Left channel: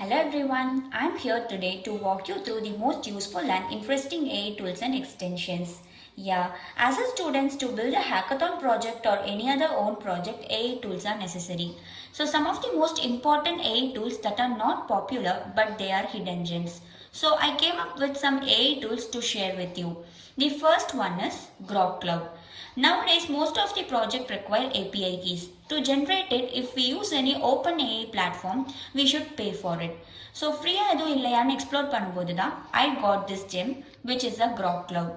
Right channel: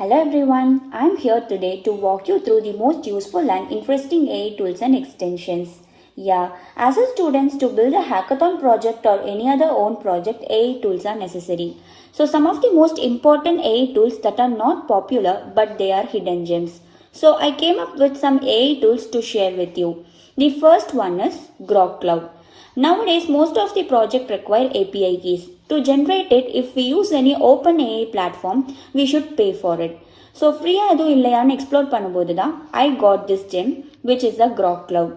Hello everyone, I am here today to walk you through the most useful and interesting AI tools and extensions. Yeah, as a students to build a hackathon project or any other own project, AI tools are necessary. So some of the most important AI tools that are not popular but they are hidden gems. So I came up with some AI tools to share with you. The first one is Grok Cloud. Nowadays, most of the project require API keys. To generate it, if we use any OpenAI platform, we should pay for it. So ஃப்ரீயாக எதுவும் இல்லையான்னு explore பண்ணும்போது தான் I got this GeM which is the Grok Cloud.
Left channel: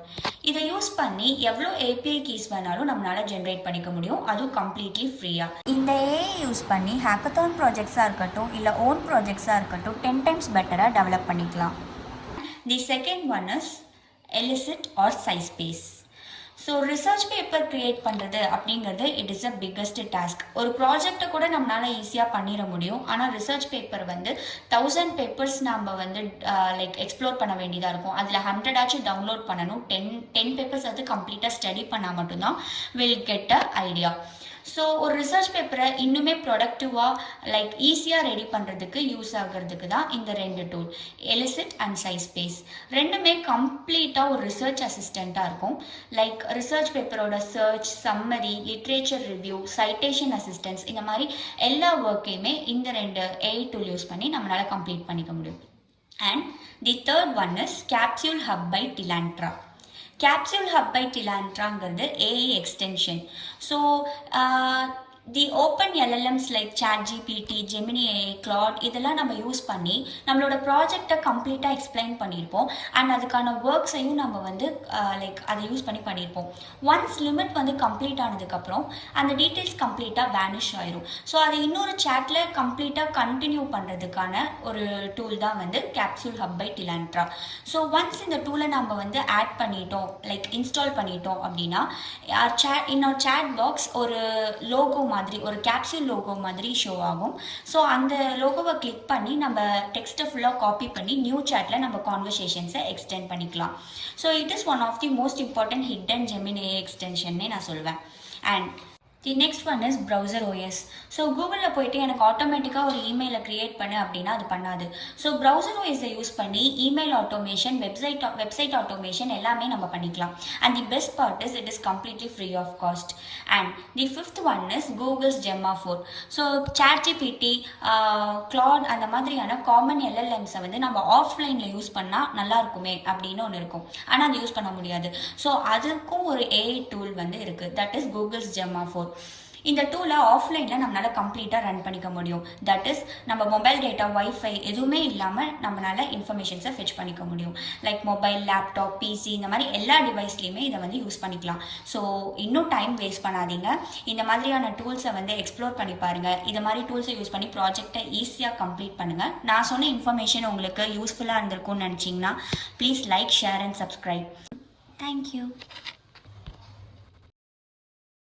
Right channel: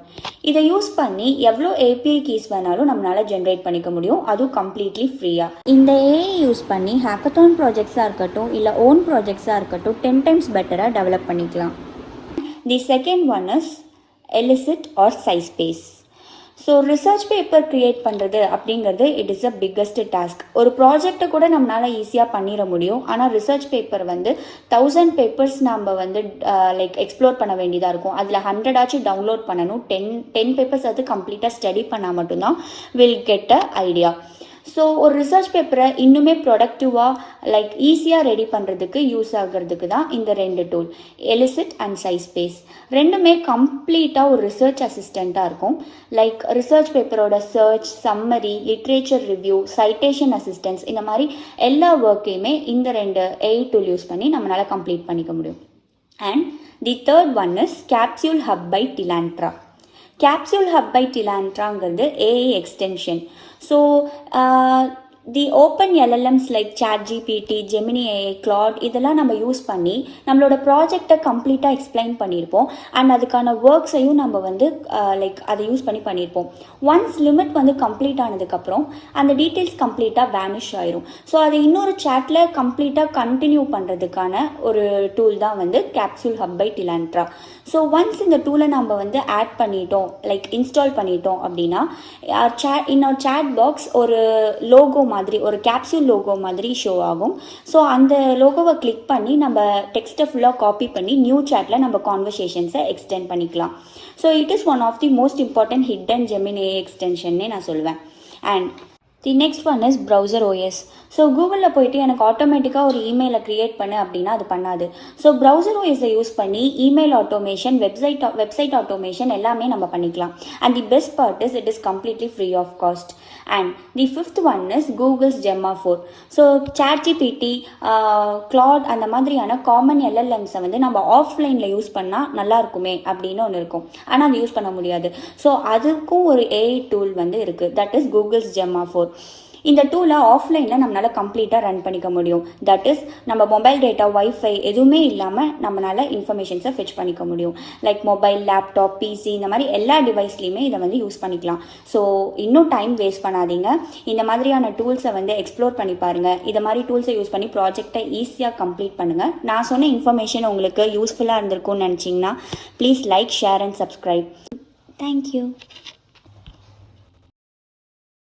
இதை use பண்ணி எவ்வளோ API keys வேணாலும் நம்மளால் ஜென்ரேட் பண்ணிக்க முடியும், அதுவும் கம்ப்ளீட்லி ஃப்ரீயாக. இந்த ஏஐ யூஸ் பண்ணி ஹேக்கத்தான் ப்ராஜெக்ட்ஸாக இருக்கட்டும் இல்லை ஓன் ப்ராஜெக்ட்ஸாக இருக்கட்டும் 10 times பெட்டராக டெவலப் பண்ணிக்கலாம். The second one is elicit or SciSpace. So research paper create பண்ணுறது அப்படிங்கிறது it is a biggest task. ஒரு ப்ராஜெக்டை கூட நம்மளால் ஈஸியாக பண்ணிட முடியும். ஆனால் ரிசர்ச் பேப்பர் வந்து 1000 பேப்பர்ஸ் நம்ம வந்து லைக் எக்ஸ்ப்ளோர் பண்ண வேண்டியதாக இருக்கும். அதில் 100 ஆச்சும் டவுன்லோட் பண்ணணும். 10 பேப்பர்ஸ் அது கம்ப்ளீட்டாக ஸ்டடி பண்ணால் மட்டும்தான் will get a idea. So ஒரு ரிசர்ச் பேப்பரை இன்னுமே ப்ரொடக்டிவாக லைக் ஈஸியாக ரெடி பண்ணுறதுக்கு யூஸ் ஆகிறதுக்கு தான் இந்த ரெண்டு டூல், எலிசிட் அண்ட் SciSpace. ரெண்டுமே கம்ப்ளீட்டாக ஒரு ரிசர்ச் அசிஸ்டண்ட்டாக இருக்கும். லைக் ரிசர்ச் பேப்பரோட search, summary, literature review, citation assistance, இந்த மாதிரி எல்லா ஒர்க்கையுமே இந்த ரெண்டு AI டூல் யூஸ் பண்ணி நம்மளால் கம்ப்ளீட் பண்ணிக்க முடியும். And the third one is Capsule Hub by Tilantra. Capsule Hub by Tilantraங்கிறது AI extension. So the open LLMs like ChatGPT, Gemini AI, Claude இதெல்லாம் நம்ம யூஸ் பண்ணி நம்மளோட ப்ராஜெக்டை கம்ப்ளீட்டாக எக்ஸ்பிளைன் பண்ணியிருப்போம். அண்ட் அதுக்கான ஒர்க்ஸையும் நம்ம வந்து லைக் அதை யூஸ் பண்ணியிருப்போம். ஒன்ஸ் லிமிட் வந்து கம்ப்ளீட் ஆனதுக்கப்புறம் அந்த டீட்டெயில்ஸ் கம்ப்ளீட்டாக வேனிஷ் ஆயிரும். ஸோ அதை இன்னொரு சேட்டில் கம்ப்ளீட்டாக கண்டினியூ பண்ணுறதுக்கான ஒரு டூல் தான் வந்து Capsule Hub by Tilantra. So once இந்த டூலை நம்ம வந்து ஆட் பண்ணிட்டோம், லைக் இன்ஸ்டால் பண்ணிட்டோம் அப்படின்னா இன்னொரு சேட் பாக்ஸ் ஒரு லோகோ மாதிரி, ஒரு கேப்சூல் லோகோ மாதிரி ஷோ ஆகும். ஸோ அந்த லோகோவை கிளிக் பண்ணி நம்ம டெக்ஸ்ட்டை ஃபுல்லாக காப்பி பண்ணி நியூ சேட்டில் நம்ம கான்வர்சேஷன்ஸை எக்ஸ்டெண்ட் பண்ணிக்கலாம். So it is one of the most important hidden Gemini AI எக்ஸ்டென்ஷன்னே நான் சொல்வேன். And the next one is browser OS. So கூகுளில் போயிட்டு எனக்கு ஆட்டோமேட்டிக்காக ஒரு இமெயிலை க்ரியேட் பண்ணு அப்படின்னா அது பண்ணாது. ஸோ ப்ரௌசர் OSஐ யூஸ் பண்ணி இமெயில் ஆட்டோமேஷன், வெப்சைட் ஆட்டோமேஷன் எல்லாமே நம்ம பண்ணிக்கலாம். And the best part is it is completely free of cost. And the fifth one is Google's Gemma 4. So ChatGPT, Claude அந்த மாதிரியான காமன் LLMஸை வந்து நம்ம ஆஃப்லைனில் யூஸ் பண்ணால் நல்லா இருக்குமே அப்படின்னு ஒன்று இருக்கும். ஆனால் அது யூஸ் பண்ண முடியாது. ஸோ அதுக்கும் ஒரு AI டூல் வந்து இருக்குது, தட் இஸ் கூகுள்ஸ் Gemma 4. இந்த டூலை ஆஃப்லைனில் நம்மளால் கம்ப்ளீட்டாக ரன் பண்ணிக்க முடியும். தட் இஸ் நம்ம மொபைல் டேட்டா, வைஃபை எதுவுமே இல்லாமல் நம்மளால் இன்ஃபர்மேஷன்ஸை ஃபெச் பண்ணிக்க முடியும். லைக் மொபைல், லேப்டாப், PC இந்த மாதிரி எல்லா டிவைஸ்லையுமே இதை வந்து யூஸ் பண்ணிக்கலாம். ஸோ இன்னும் டைம் வேஸ்ட் பண்ணாதீங்க, இந்த மாதிரியான டூல்ஸை வந்து எக்ஸ்ப்ளோர் பண்ணி பாருங்கள். இதை மாதிரி டூல்ஸை யூஸ் பண்ணி ப்ராஜெக்டை ஈஸியாக கம்ப்ளீட் பண்ணுங்கள். நான் சொன்ன இன்ஃபர்மேஷன் உங்களுக்கு யூஸ்ஃபுல்லாக இருந்திருக்கும்னு நினச்சிங்கன்னா please like, share and subscribe. Thank you.